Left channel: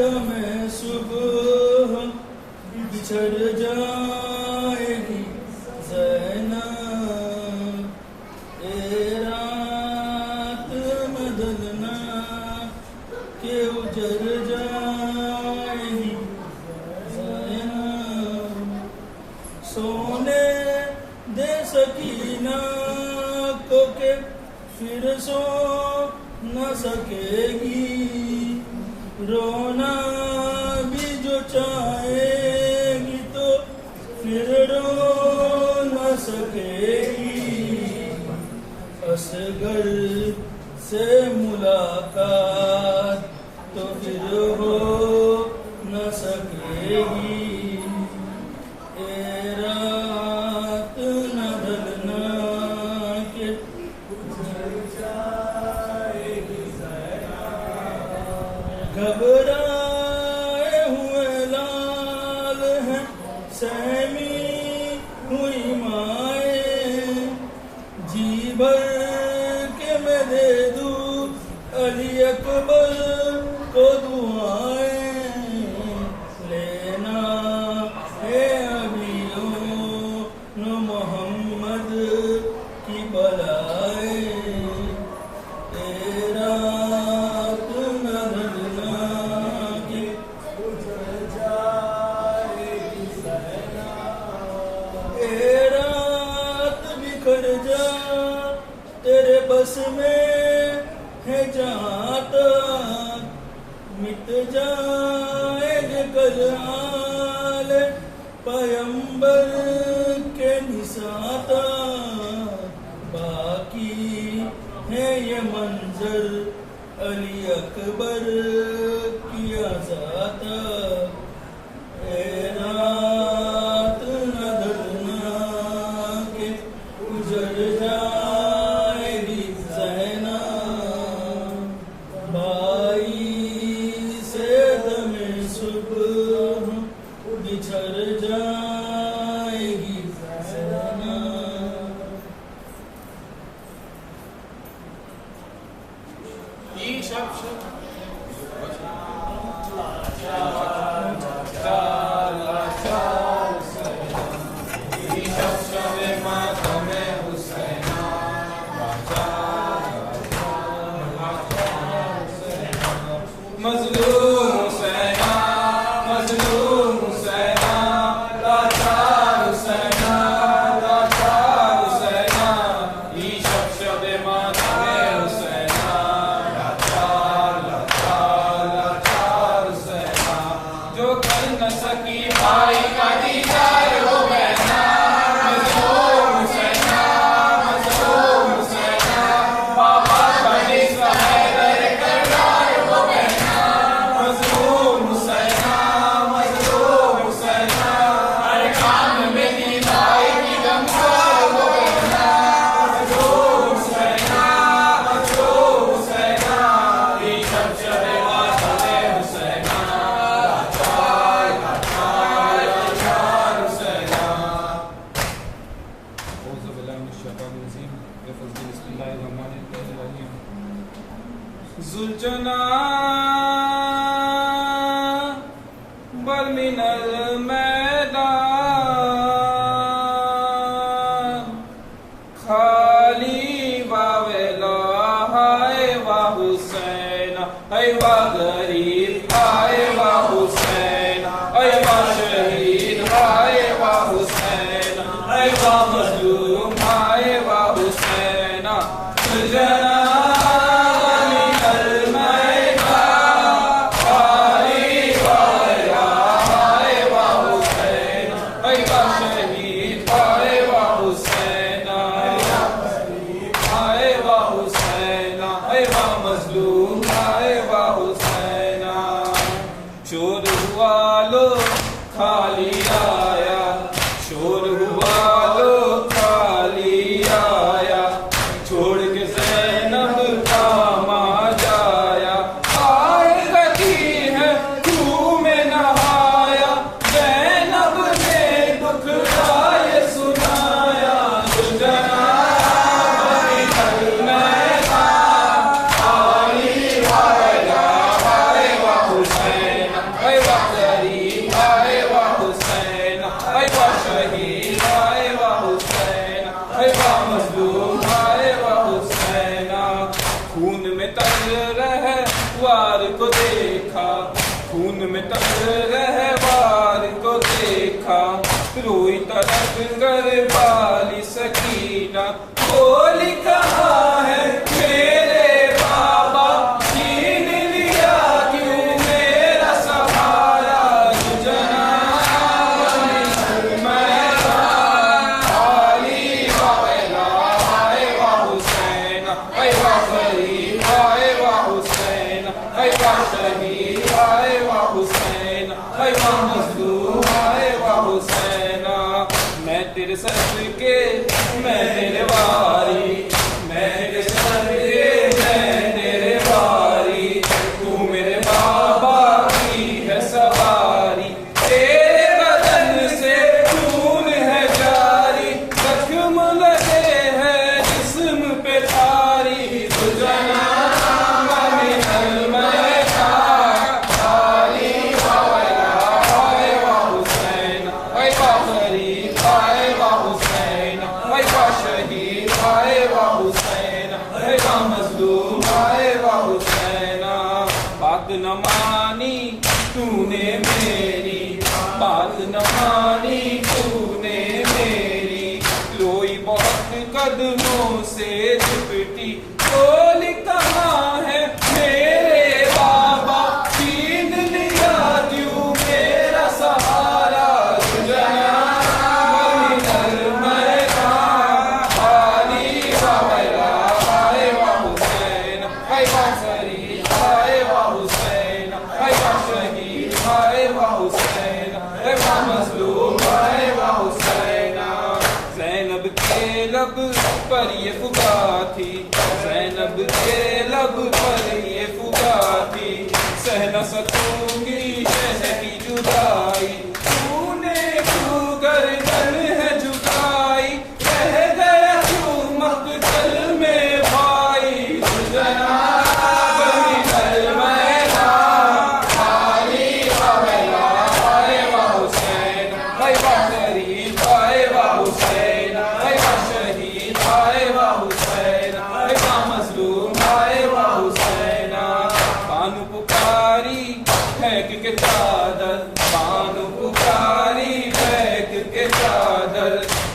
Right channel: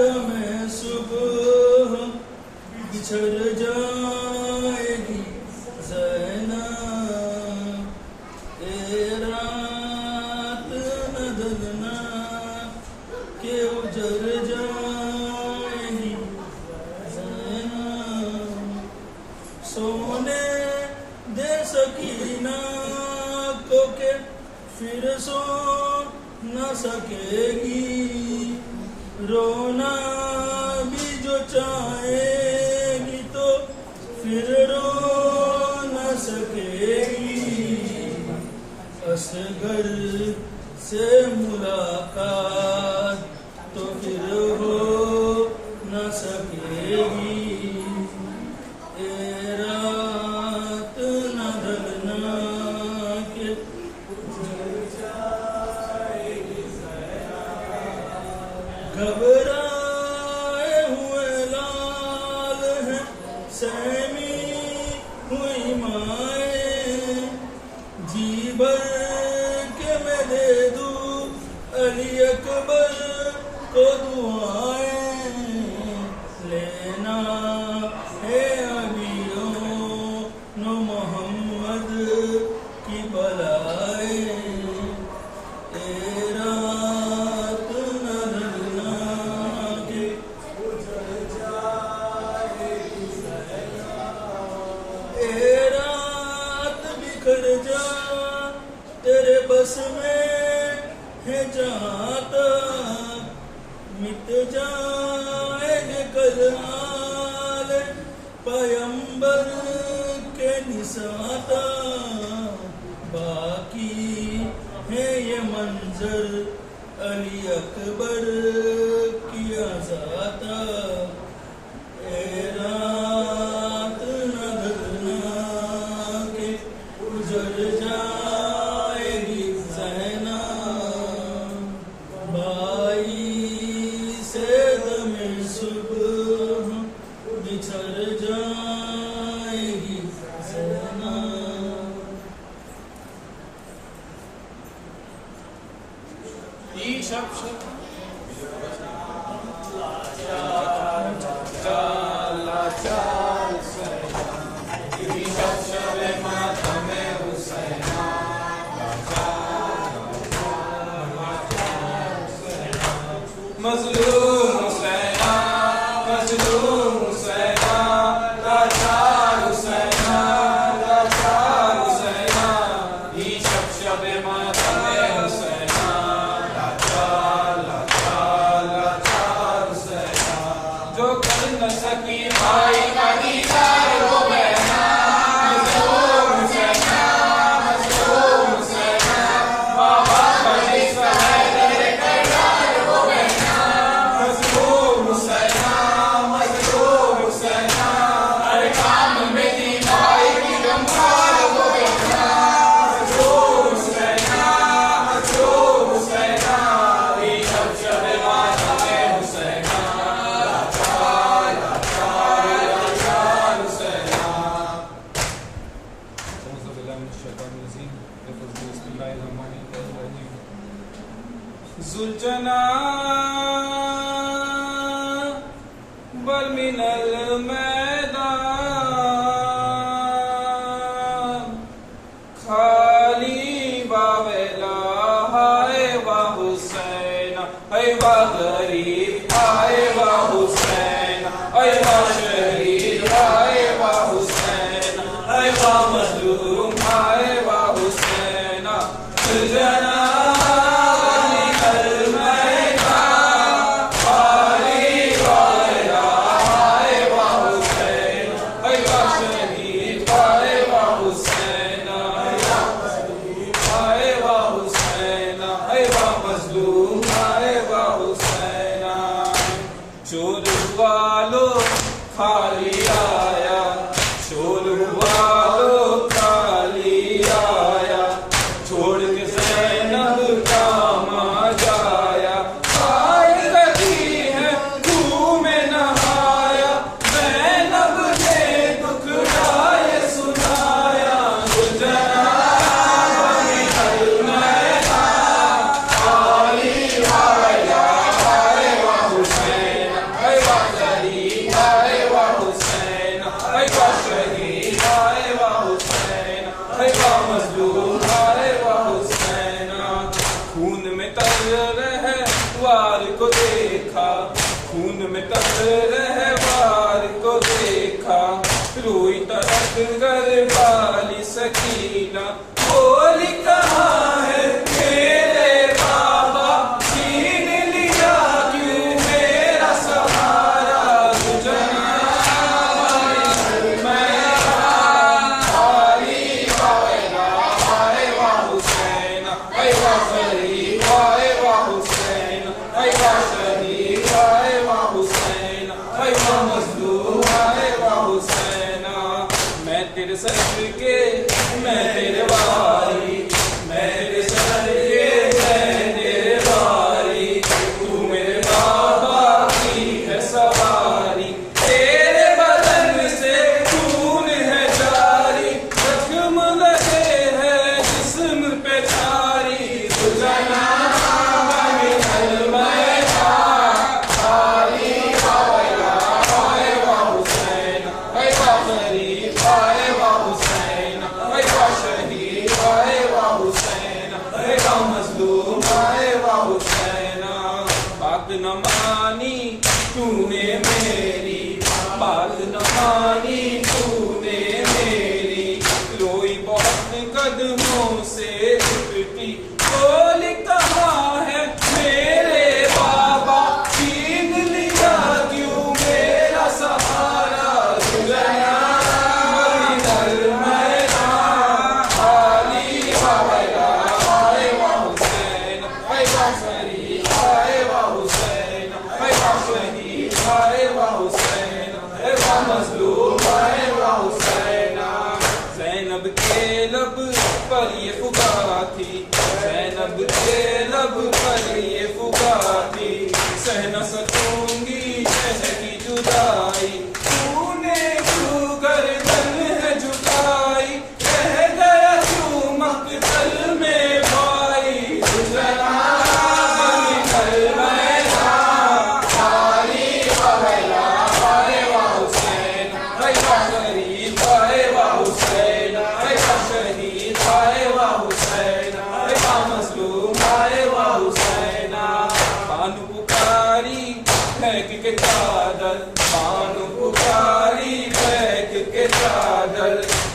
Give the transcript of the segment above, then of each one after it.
में सुबह बिछड़ जाएगी ज़ैनब, ए रात न ढलना के उजड़ जाएगी ज़ैनब। सोने दे सकीना को के फिर सो न सकेगी, रोना भी जो चाहेगी तो फिर रो न सकेगी। असगर से मुलाकात तो फिर हो न सकेगी, ए रात न ढलना के घबराए हुए लाल हैं सहमी हुई माए, जी भर के मैं दे दूं अली अकबर को दुआएं, लेना है अभी नो मोहम्मद की बलाए, ए रात न ढलना के उजड़ जाएगी ज़ैनब, ए रात बिखर जा तेरे बस में है जहाँ तक, मिट जाएंगे कल आले पैगंबर के निसाता, बाकी है ये मंजर अली अकबर की आज़ाता, ए रात न ढलना के उजड़ जाएगी ज़ैनब, बाई से दमे सुबह बिछड़ जाएगी ज़ैनब। मज़लूम हुसैना, मज़लूम हुसैना, लाचार हुसैना, लाचार हुसैना, ई शब मातम हुसैना, लाचार लाचार लाचार हुसैना, जो कर न सकी भाई का दीदार वो बहना, मज़लूम हुसैना, मज़लूम हुसैना, बाबा का हिस्सा है दर करदार वो बहना, मज़लूम हुसैना, मज़लूम हुसैना, हर काम में दी भाई की गमखार वो बहना, मज़लूम हुसैना, मज़लूम हुसैना, ई शब मातम हुसैना, लाचार लाचार लाचार हुसैना। औज़ु बिल्लाहि मिनश शैतानिर रजीम, बिस्मिल्लाहिर्रहमानिर्रहीम। ज़ुलजना बल मिनल मैदान, खाली बावेला हाय वाह हुसैना, हाय वाह गरीब हाय वाह हुसैना, हाय वाह शहीद हाय वाह हुसैना, हाय वाह मज़लूम हाय वाह हुसैना। ज़ुलजना मज़लूम आए वाह हुसैना, सवार को देखा, खून में तप रहवार को देखा, रोई तड़प कर बाली सकीना, बोली कहाँ है मेरे बाबा, छीन लिया क्यों मेरा सहारा, तुझना मैं आली वाला, आए वाह हुसैन, आए वाह गरीब, आए वाह हुसैन, आए वाह शहीद, आए वाह हुसैन, आए वाह मजलूम, आए वाह हुसैन। मैं तेरे सर के, मैं तेरे वारी, मैं तेरे सर के, मैं तेरे वारी, तू मेरे बाबा की है सवारी, तेरे बदन से खून है जारी, जख्म लगे हैं जिस्म पे तारी, तुझना बात न मानी तूने मेरी, बात न मानी तूने मेरी, रोई बहुत कदमों से लिपटी, बोली कहाँ है मेरे बाबा, छीन लिया क्यों मेरा सहारा, तुझना ज़ैनब के लब पर ये फुगा थी, ज़ैनब के लब पर ये फुगा थी, सह न सकूंगी सह की जुदाई, तूने क्यों गर्दन है झुकाई, रह गया क्यों मक़तल में भाई, तुझना फेंक के चादर, बानु पुकारी फेंक के चादर,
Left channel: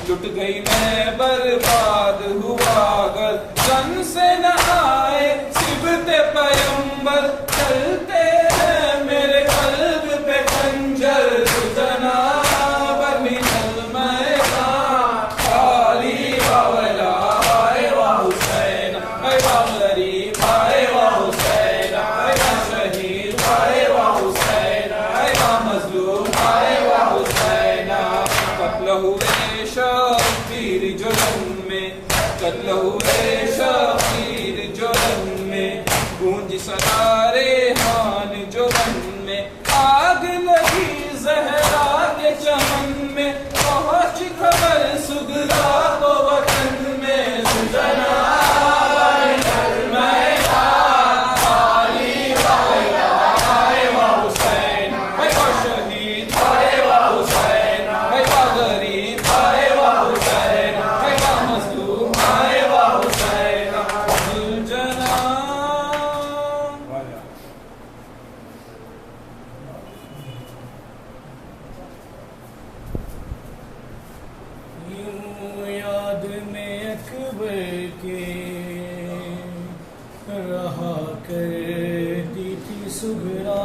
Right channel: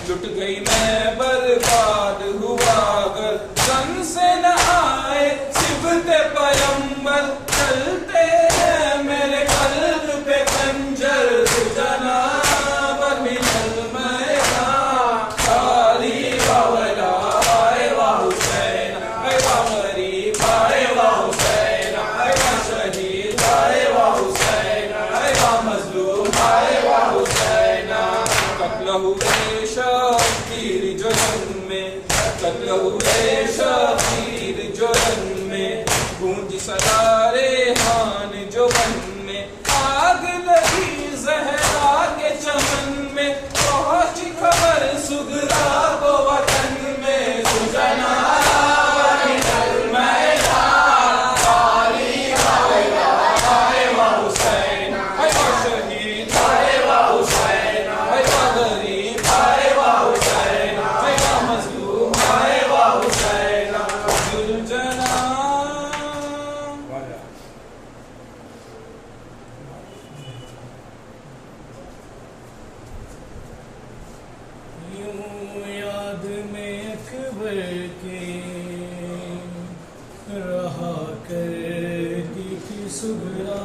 लुट गई मैं बर्बाद हुआ अगर, जन से न आए सिबते पैगंबर, चलते हैं मेरे कल्ब पे खंजर, तुझना बनी चल मैं खाली बावला, आए वाह हुसैन, आए वाह गरीब, आए वाह हुसैन, आए वाह शहीद, आए वाह हुसैन, आए वाह मजलूम, आए वाह हुसैन। कत्ल हुए शबीर जुल्म में, कत्ल हुए शबीर जुल्म में, गूंज सरारे हान जो मन में, आग लगी जहरा के चमन में, पहुंच खबर सुगरा को वतन में, सुजना सुगरा,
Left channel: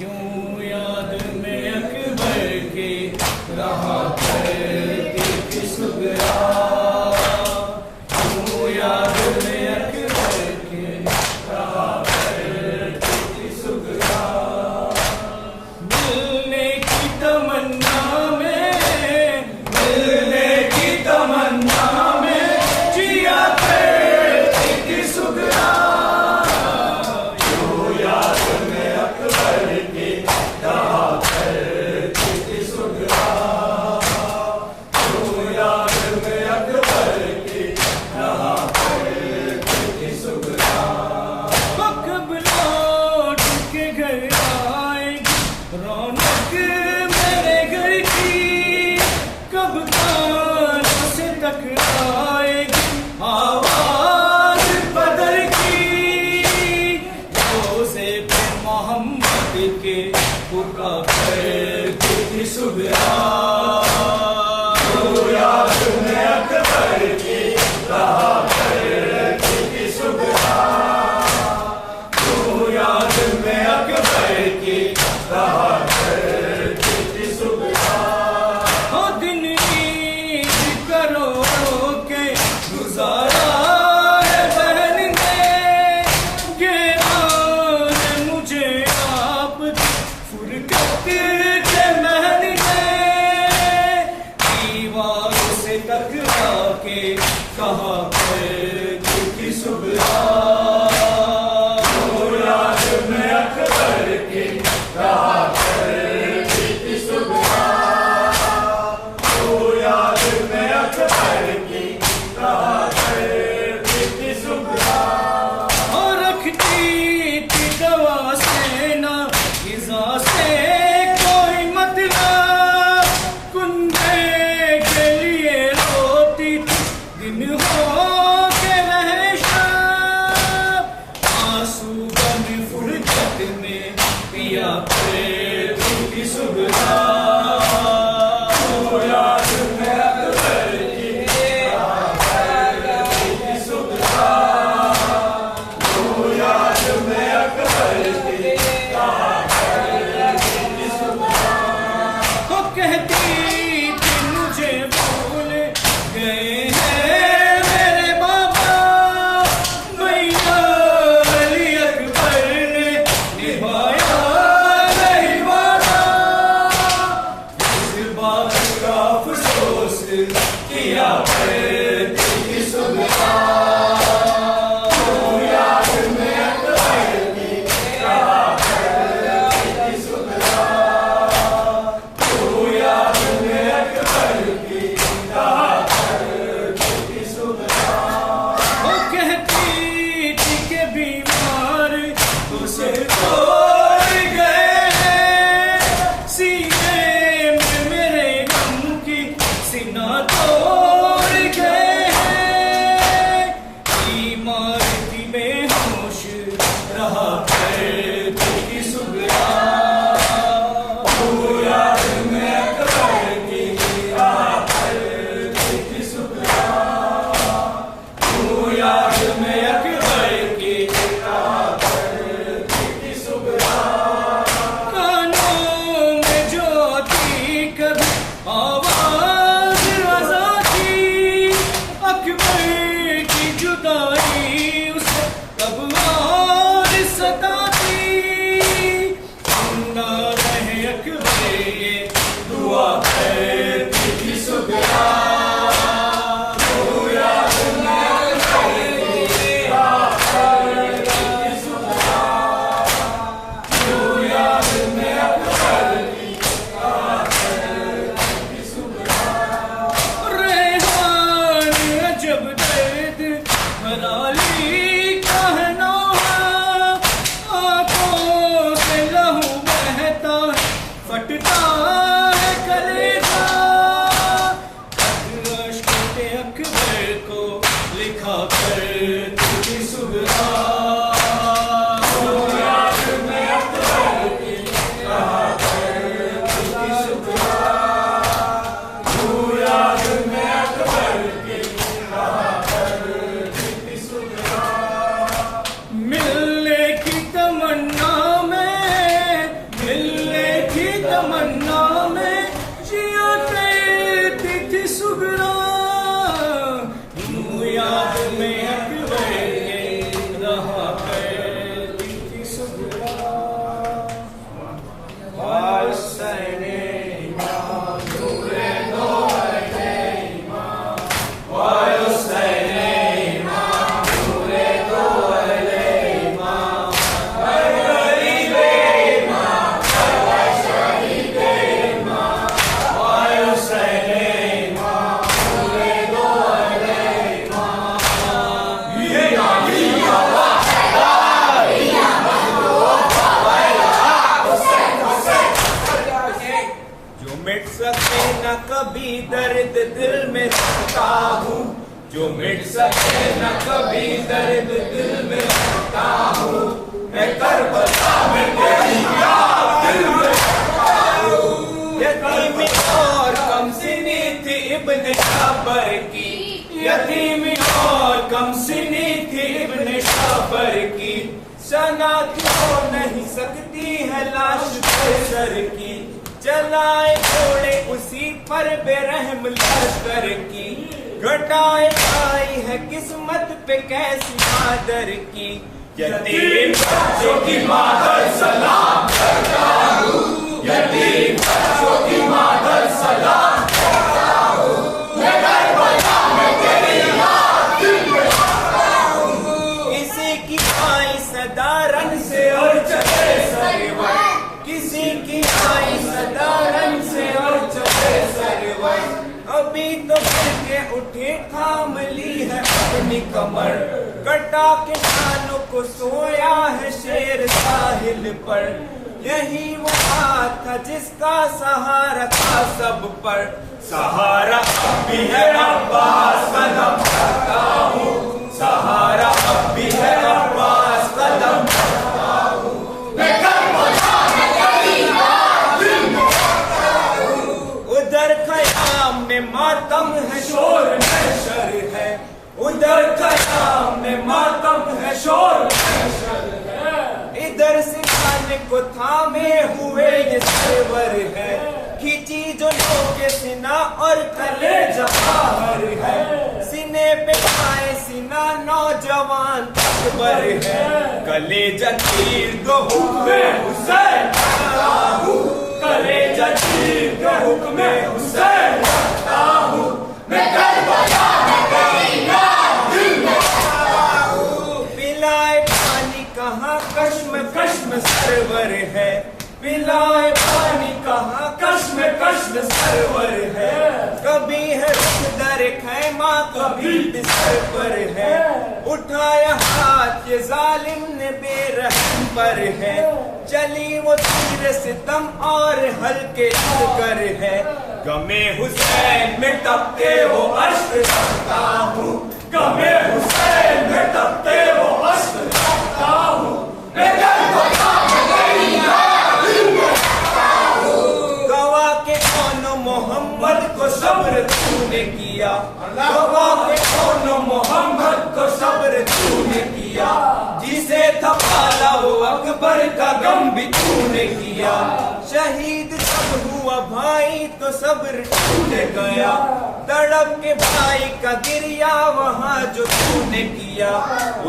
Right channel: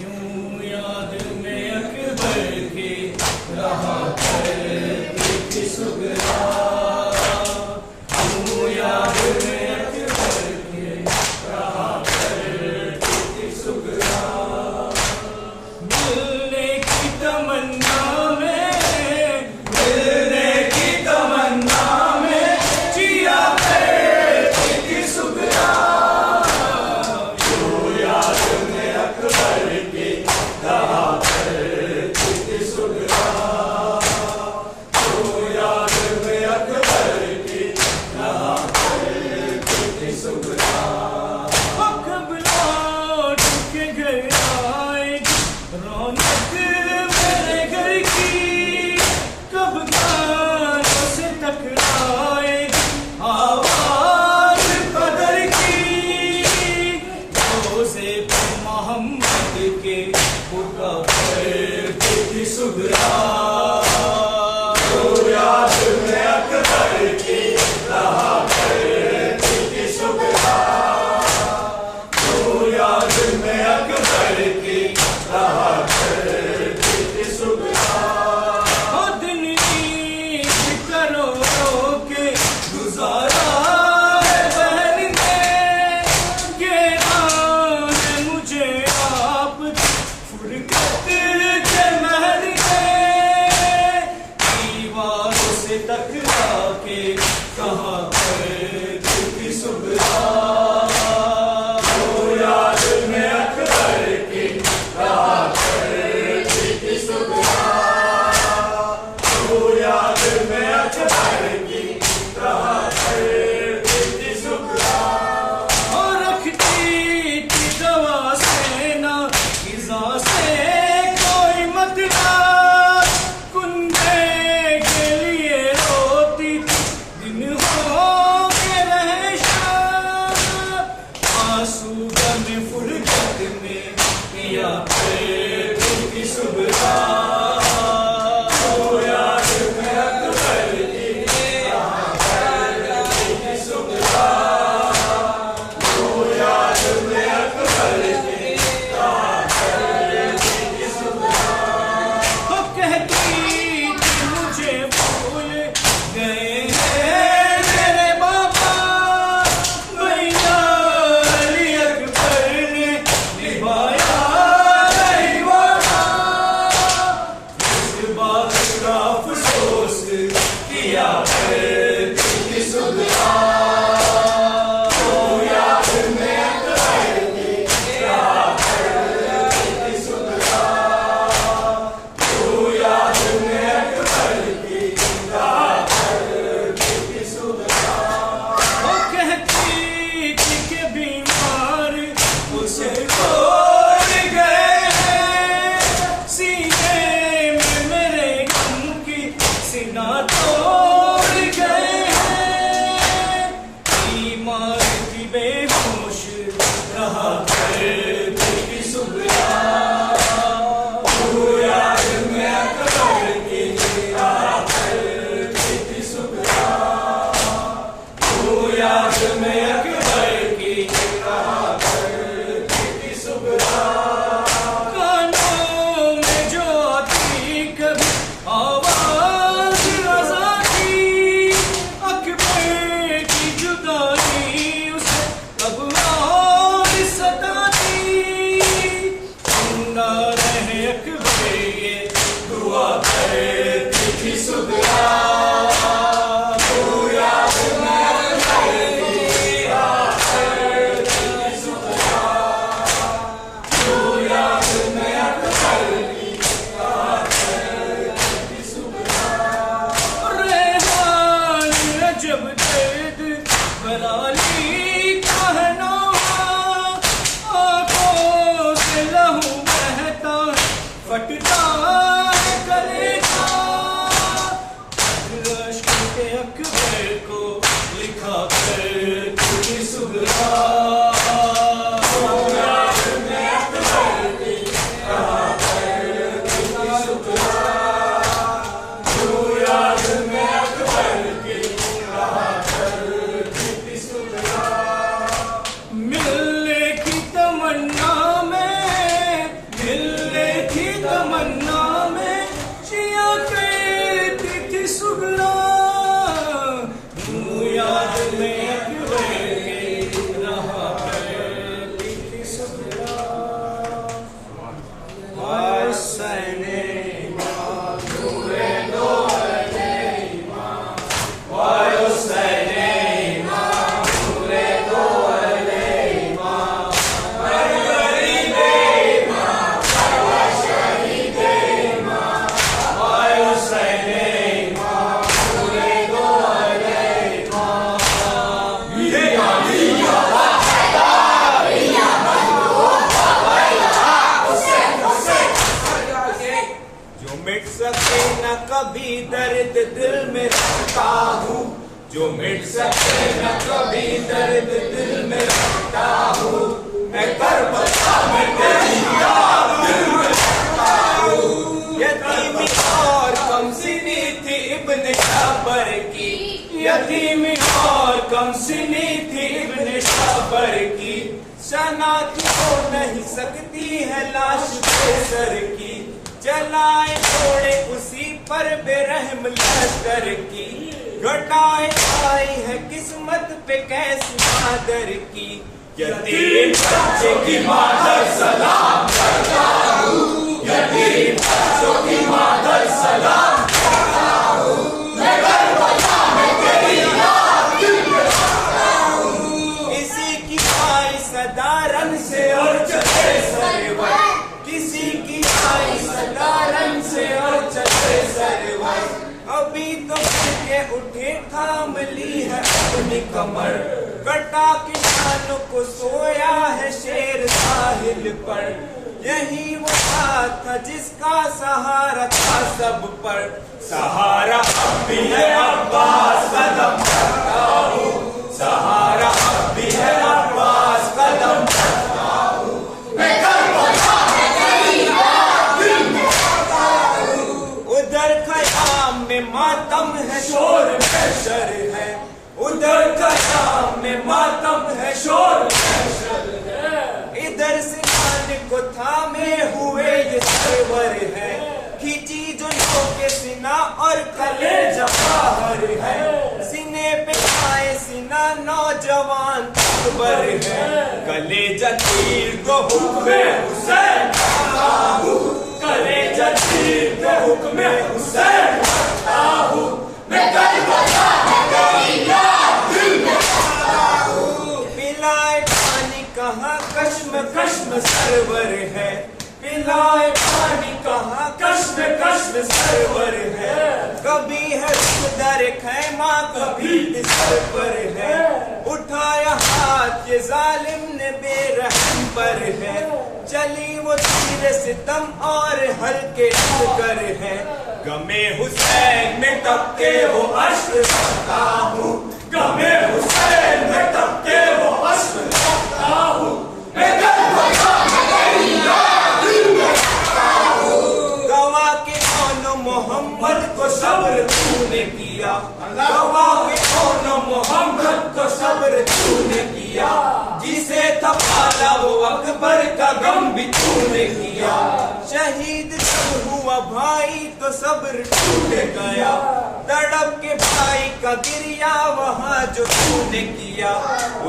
यूं याद में अकबर के रहा करती थी सुगरा, यूं याद में अकबर के रहा करती थी सुगरा, मिलने की तमन्ना में, मिलने की तमन्ना में जिया करती थी सुगरा, यूं याद पुकार की सुगरा तो याद में अकबर की रहा की सुगरा तो याद में अकबर की रहा की सुगरा हो दिन ईद करो के गुजारा है बहन ने ये आन मुझे आप फुरकत के महल में दीवार से टकरा के कहा की सुबह तो याद में अकबर की रहा की सुबह तो याद में अकबर की रहा की सुबह और रखती थी दवा से ना इज़ा से कोई मतलब कुंदे के लिए रोती दिन होते रहे शाम आंसू गम फुरकत में पिया की सुबह तो याद में अकबर की सुबह तो याद में अकबर की सुबह तो कहती थी मुझे भूल गए हैं मेरे बाबा भैया अली अकबर ने निभाया नहीं वादा इस बात का अफसोस किया की सुबह तो याद में अकबर की सुबह तो याद में अकबर की सुबह वो कहती थी कि बीमार उसे छोड़ गए हैं सीने में मेरे गम की सीना तोड़ गए हैं बीमार थी बेहोश रहा करती की सुबह तो याद में अकबर की रहा करती की सुबह तो याद में अकबर की रहा करती की सुबह कानों में जो थी कभी आवाज अज़ा थी अकबर की जुदाई उसे कब और सताती जिंदा रहे अकबर ये दुआ करती थी सुबह तो याद में अकबर की रहा करती थी सुबह तो याद में अकबर की रहा करती थी सुबह रेहान अजब दर्द भराली कहना आंखों से लहू बहता फटता है कलेजा अश्क के अकबर को लिखा करती थी सुबह तो याद में अकबर की रहा करती थी सुबह तो याद में अकबर की रहा करती थी सुबह मिलने की तमन्ना में जिया करती थी सुगरा यूं याद में अकबर के रहा करती थी सुगरा कभी दर्द दिल में रखता हूँ, जो मिट सके न कभी दर्द दिल में रखता हूँ। मैं करबला में तेरी याद धीमी और कम सिनी थी इब्न शाबर की, शनाख्त हो नहीं सकती है लाश सर की, चलाए घोड़े उसी पर बेरहम लश्कर की, घटाए आई है किस्मत पे कैसी मादर की, यतीम बच्चे की मादर सलाम करता हूँ, यतीम बच्चों की मादर सलाम करता हूँ, मैं करबला में तेरी याद दिल में रखता हूँ। किसी की आई सदा रन से और चले सरवर, किसी की आई सदा रन से और चले सरवर, अभी तो के उठे थाम ली है अपनी कमर, कटा के कानों को सोया है शेर साहिल पर, यही वो बात था जिसका सहारा था सब पर, सहारा अब भी है अब्बास कदम करता हूँ, सहारा अब भी है अब्बास कदम करता हूँ, मैं करबला में तेरी याद दिल में रखता हूँ। उधर ख़याम में मातम है शोर महशर है, उधर ख़याम में मातम है शोर महशर है, इधर सिखाने को थामे हुए ये सरवर है, खींची जो के सीना और कलेजा बाहर है, सीने पे खाए सीना नौजवान अकबर है, कलेजा तीर दो हुक्मे हुसैन करता हूँ, कलेजा तीर दो हुक्मे हुसैन करता हूँ, मैं करबला में तेरी याद दिल में रखता हूँ। पिलाए पानी कहाँ कश्म सरवर है, पिलाए पानी कहाँ कश्म सरवर है, कभी है रुख दर खैमा कभी सर पर है, उठाया हाथ ये जालिम ने बेरहम पर है, चली वो तीर सितम और हल्के कर है, गमे हुसैन में तपके वो अश्क रखता हूँ, गमे हुसैन में तपके वो अश्क रखता हूँ, मैं करबला में तेरी याद दिल में रखता हूँ। गवा के कौन मोहम्मद को सब्र तूने किया, गवा के कौन मोहम्मद को सब्र तूने किया, जिसे था पाला वो अकबर का गम भी तूने किया, शहीद जब हुआ भाई तो सब्र तूने गया, तड़प के भाई का गिरिया वहाँ जो तूने किया,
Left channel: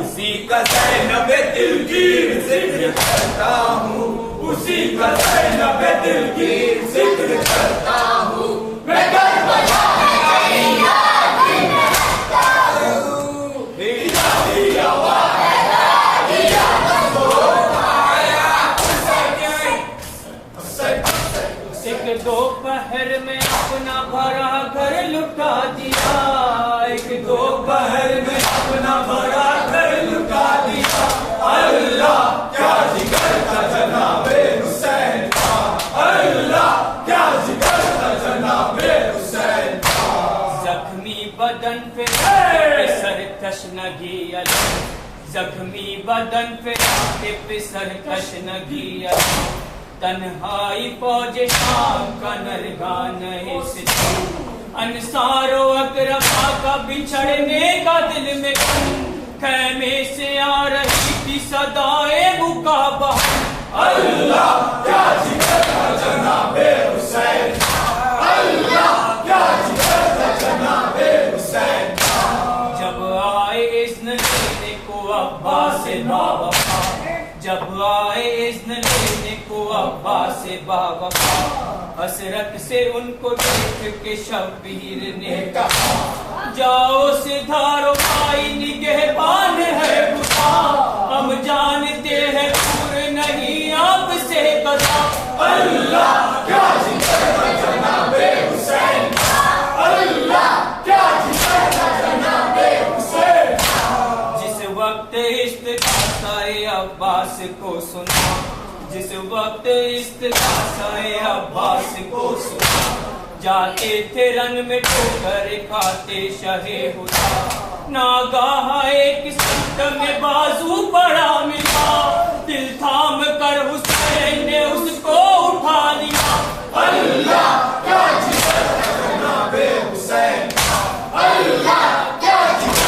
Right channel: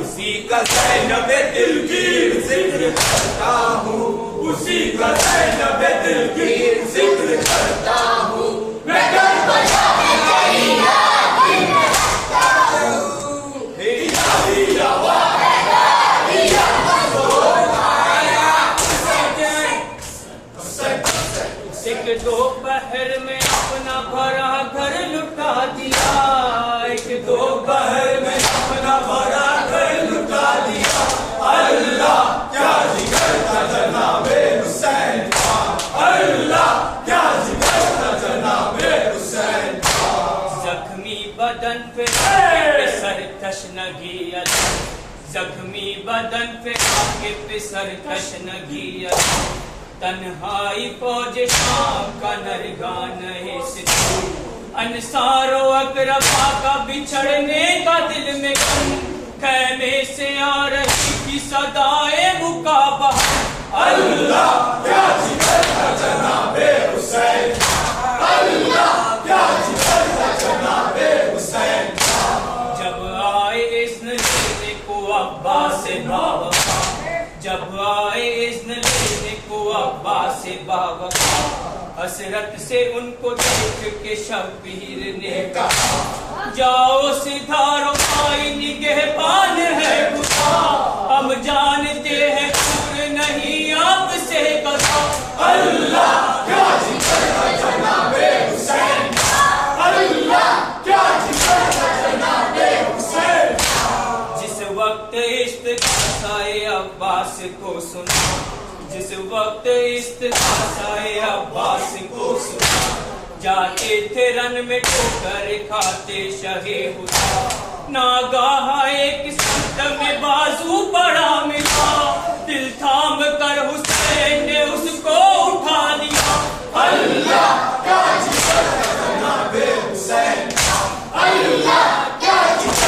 उसी का ज़ैनबे दिलगीर जिक्र करता हूँ, उसी का ज़ैनबे दिलगीर जिक्र करता हूँ, मैं करबला में तेरी याद दिल में रखता हूँ। हिदाई आवाज़ हिदाइया एक दोपहर में अपना भरा घर लुटा दिया, एक दोपहर में अपना भरा घर लुटा दिया, अल्लाह क्या जिगर था जनाबे हुसैन का, अल्लाह क्या जिगर था जनाबे हुसैन का, जख्मी बदन पे सरकश नगी अली, जख्मी बदन पे आके सरकश नगी अली, तन्हाई फौज शाम का नरगान अंसारो अकरबा का बिछड़ने का दिल में कहने से आ रही की सदाए मुकाबा, अल्लाह क्या जिगर था जनाबे हुसैन, अल्लाह क्या जिगर था जनाबे हुसैन। जब आए इज़्न लेने को अब्बास से बावफा, जब आए इज़्न लेने को अब्बास से बावफा, हसरत से उनको देख के शब्बीर ने कहा, जाओ सिधारो भाई निगहबान है खुदा, हम जानते हैं दूर नहीं आपसे कदा, अल्लाह क्या जिगर था जनाबे हुसैन, अल्लाह क्या जिगर था जनाबे हुसैन। जिस वक्त इस्तिग़ासाए अब्बास को सुना, जिस वक्त इस्तिग़ासाए अब्बास को सुना, जाते थे रन में ठोकर खाते शहे हुदा, नागाह एक संत में बाजू पड़ा मिला, दिल थाम कर हुसैन ने उसको उठा लिया, अल्लाह क्या जिगर था जनाबे हुसैन, अल्लाह क्या जिगर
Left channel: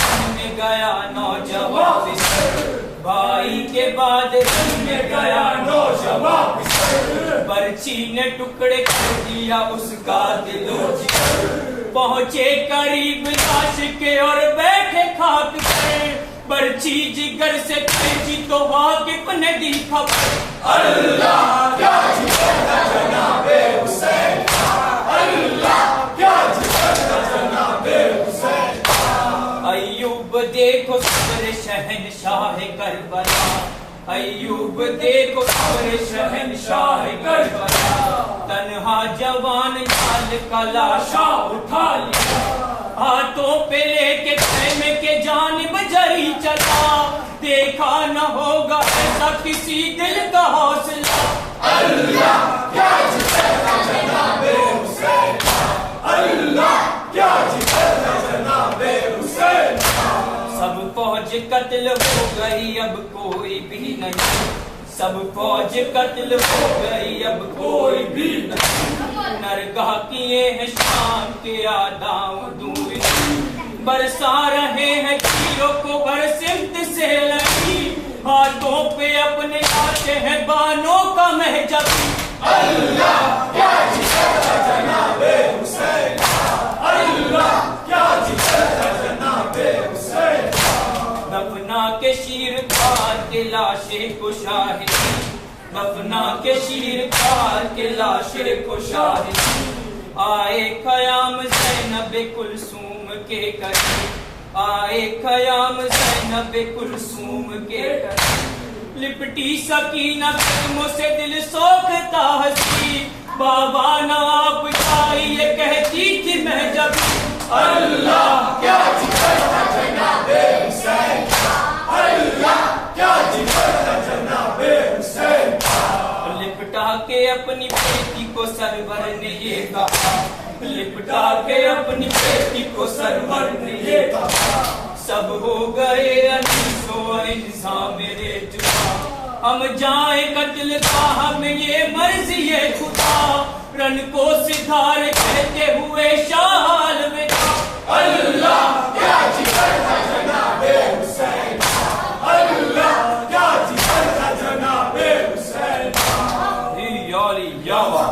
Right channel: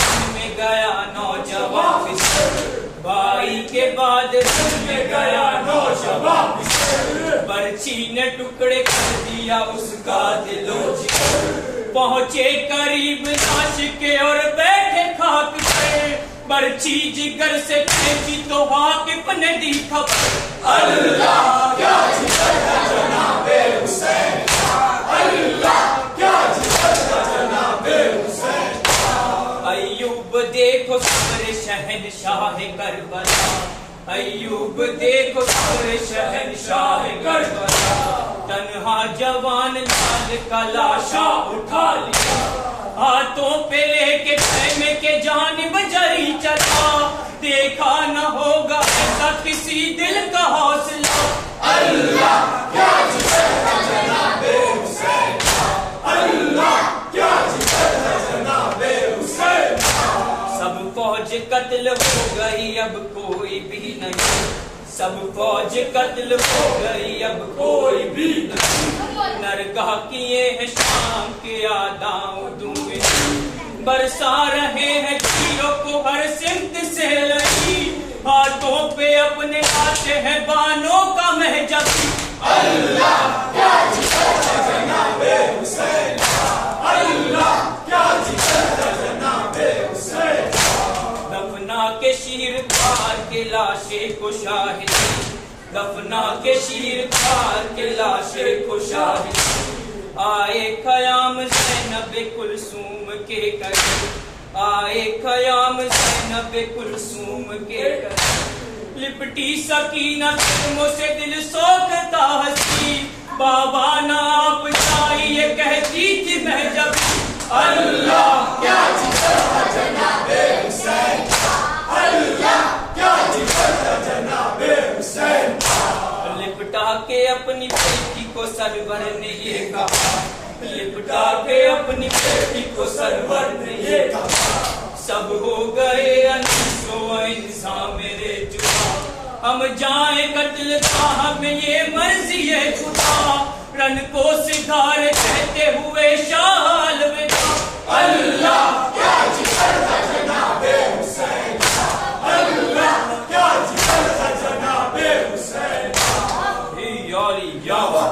रन में गया नौजवान फिसल, भाई के बाद रन में गया नौजवान फिसल, बर्छी ने टुकड़े कर दिया उसका दिलो जिगर, पहुंचे करीब लाश के और बैठे खाक पे, बर्छी जिगर से तेजी तो वाकिफ ने दी खबर। अल्लाह क्या जिगर है जनाबे हुसैन का, अल्लाह क्या जिगर है जनाबे हुसैन का। अय्यूब देखो सब्र शहंशाह करबला, अय्यूब देखो सब्र शहंशाह करबला, तन्हा जवान लाल का लाशा उठा लिया, हाथों पे लेके खेमे के जानिब जरी चला, देखा न होगा ऐसा किसी दिल का हौसला। अल्लाह क्या जिगर है जनाबे हुसैन का, अल्लाह क्या जिगर है जनाबे हुसैन का। सब फौज कत्ल हो गई अब कोई भी नहीं, सब फौज कत्ल हो गई अब कोई भी नहीं, नरगाह किए हैं शाम के आदाओं दूर, बरसा रहे हैं तीरों को हर सिमत से लगी, हाथों पे अपने आते हैं बानों का महजब। अल्लाह क्या जिगर है जनाबे हुसैन का, अल्लाह क्या जिगर है जनाबे हुसैन का। दफना के शीर खार के लाशे को शाही, दफना के शीर खार के लाशे को शाही, आए ख़याम ज़ैनब कुलसूम के करे, आए ख़याम ज़ैनब कुलसूम के करे, लिपटी सकीना कदमों से दिल सोखता हंसी, बाबा ना आप चाहिए कहती थी मैं जब। अल्लाह क्या जिगर है जनाबे हुसैन का, अल्लाह क्या जिगर है जनाबे हुसैन का। लिपटा के अपनी बेटी को सरवर ने ये कहा, लिपटा के अपनी बेटी को सरवर ने ये कहा, सब हो गए अनीसो इंसान मेरे जुदा, हम जाए कत्ल का हमें ये मर्जी है खुदा, रन को सिधार कहते हुए शाह अलविदा। अल्लाह क्या जिगर है जनाबे हुसैन का, अल्लाह क्या जिगर है जनाबे हुसैन का। यारी यावा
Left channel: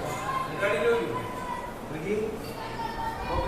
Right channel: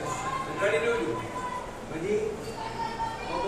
गाड़ी ले लो जी